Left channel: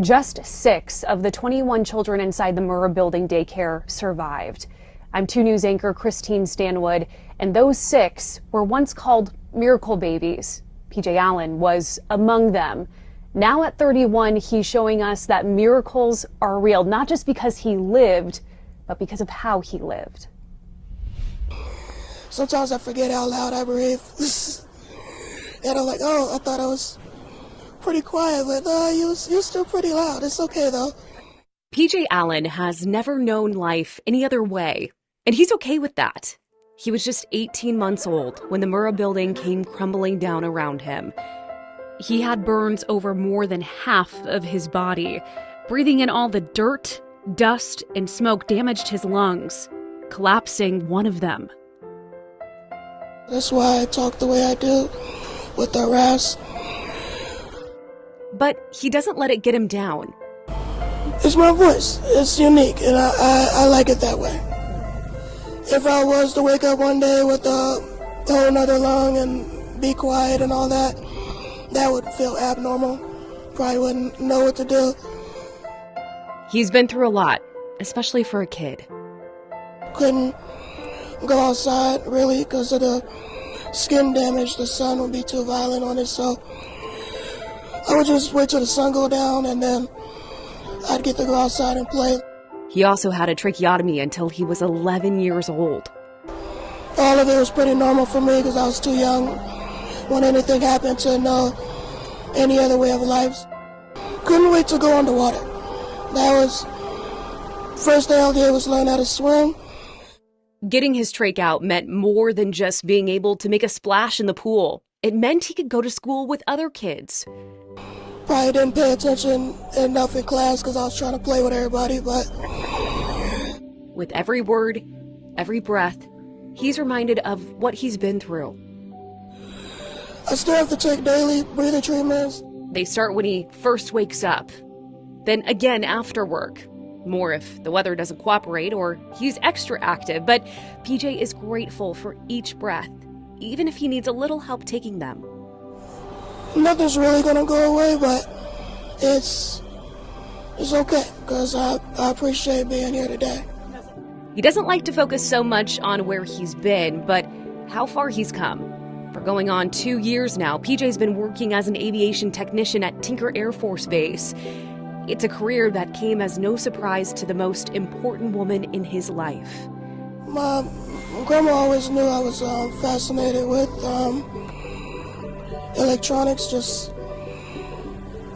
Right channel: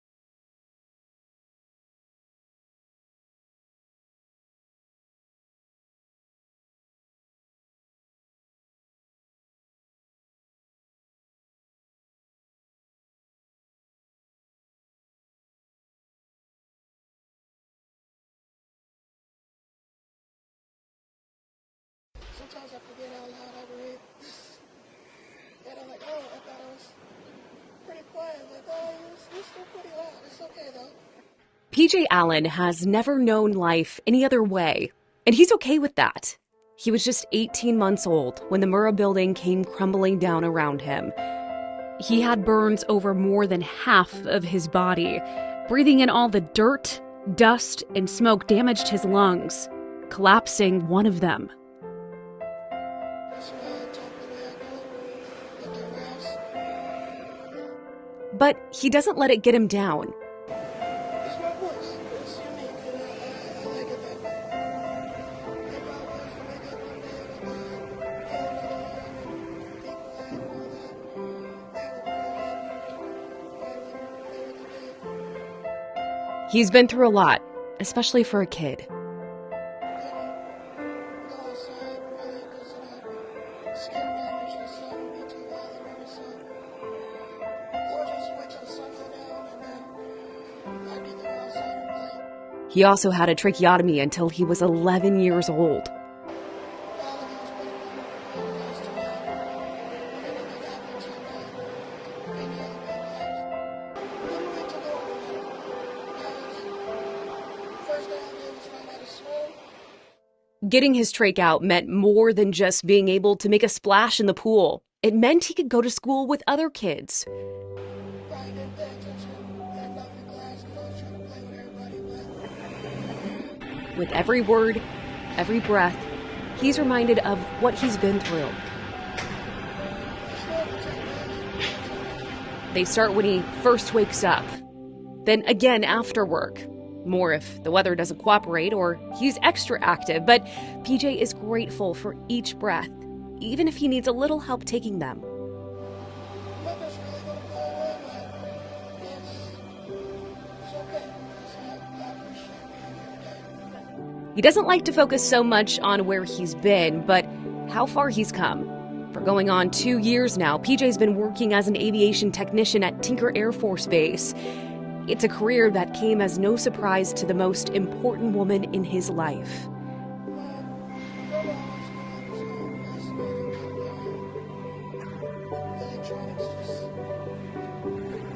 Just 6 of the 21 children inside the Murrah Building daycare survived. I'm 2 News anchor Christine Stanwood, and those 6 were once called miracle babies. PJ Allen was among them. Now at 31, he's showing us that miracles are real, not just because he lived, but because of how he lived. Sometimes I forget how loud I breathe. And I'm like, oh, I thought I was pretty quiet, but you're still pretty loud. It's okay, though. PJ Allen has never known life any other way, and he's okay with that. He was just 18 months old when the Murrah Building came crumbling down around him. He had burns over more than half of his body. Breathing in all the dirt, dust, and smoke damaged his lungs, collapsing one of them. That's why I talk the way I do, with the rasp. But he doesn't let it get him down. It's my voice. It's unique, and I like it that way. If I was to wake up one day with a whole nother lung and be quiet and all that, that would feel abnormal. Probably wouldn't know what to do. He's been through a lot, especially for a kid. Couldn't go outside, really, because of the skin damage. The sun would be too violent on it, so I would just wait till the sun go down, and then I'd get to go outside and play. He also had a tracheotomy until he was 11 years old. All of it was pretty normal for me because I was too young when anything happened to know any other way of life. Couldn't wait to go underwater. That was first thing I did was learn how to swim. Getting his trach out meant more than just being able to make a splash in the pool. It meant he could go to school with other kids. Probably didn't pay attention enough in class because I was trying to play with everybody, but with every word, every breath, he's reminded of what he's been through. I still have to take daily breathing treatments. They start when he first wakes up, then again after work. More if the weather doesn't cooperate or he's extra active, but PJ is grateful for each breath, even if he needs a little help taking them. Nothing's really gonna go away, but it's okay, because I appreciate being here today. He doesn't like to focus so much on where he's been, but how far he's come. For going on 2 years now, PJ's been working as an aviation technician at Tinker Air Force Base. It's a career that came as no surprise to the most important woman in his life. My grandma always knew I was fascinated with electronics, just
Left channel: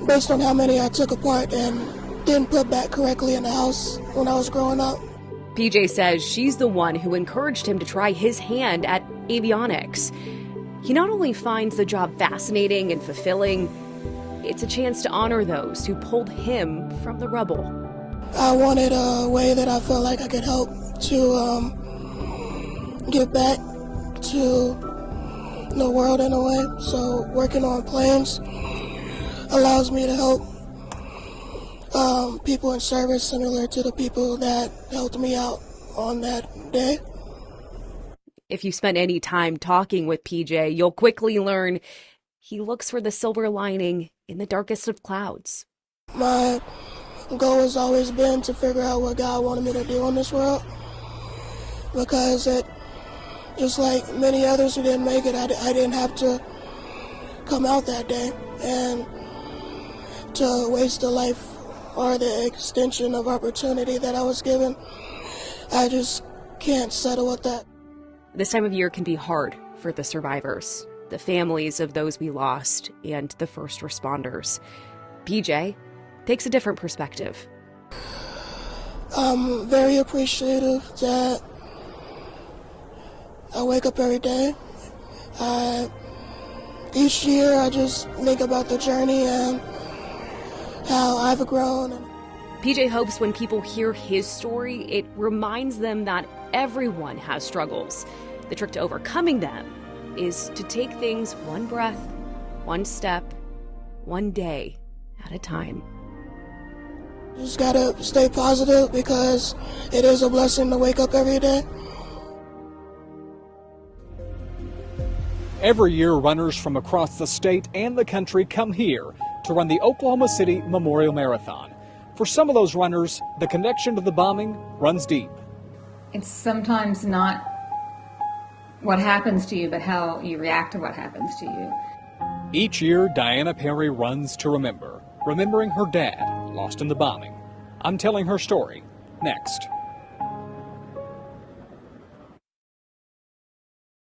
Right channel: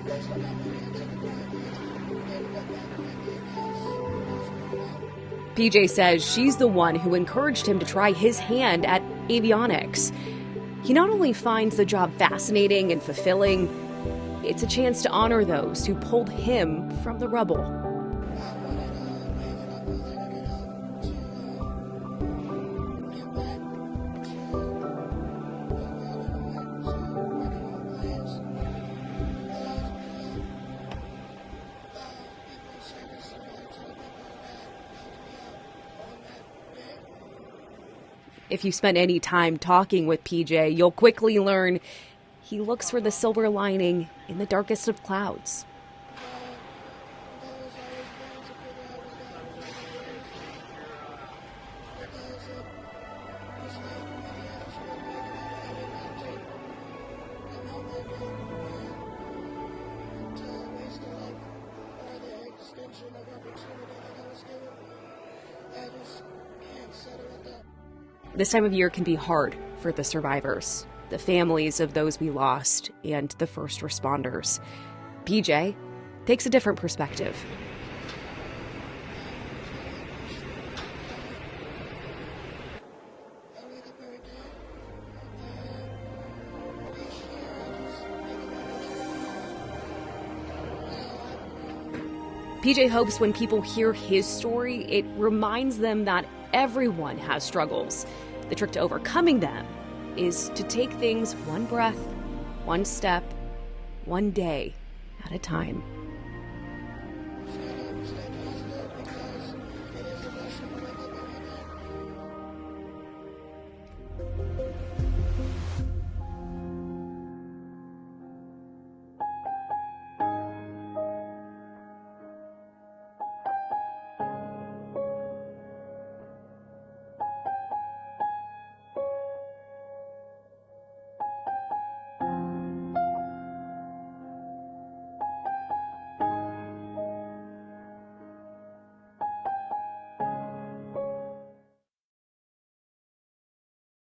based on how many I took apart and didn't put back correctly in the house when I was growing up. PJ says she's the one who encouraged him to try his hand at avionics. He not only finds the job fascinating and fulfilling, it's a chance to honor those who pulled him from the rubble. I wanted a way that I felt like I could help to give back to the world in a way. So working on planes allows me to help people in service similar to the people that helped me out on that day. If you spend any time talking with PJ, you'll quickly learn he looks for the silver lining in the darkest of clouds. My goal has always been to figure out what God wanted me to do in this world, because it, just like many others who didn't make it, I didn't have to come out that day and to waste a life or the extension of opportunity that I was given. I just can't settle with that. This time of year can be hard for the survivors, the families of those we lost, and the first responders. PJ takes a different perspective. I'm very appreciative that I wake up every day. Each year I just think about the journey and how I've grown. PJ hopes when people hear his story, it reminds them that everyone has struggles. The trick to overcoming them is to take things one breath, one step, one day at a time. You just gotta stay positive because it is a blessing to wake up every day. Every year, runners from across the state and the country come here to run the Oklahoma City Memorial Marathon. For some of those runners, the connection to the bombing runs deep. It's sometimes not what happens to you, but how you react to what happens to you. Each year, Diana Perry runs to remember, remembering her dad lost in the bombing. I'm telling her story next.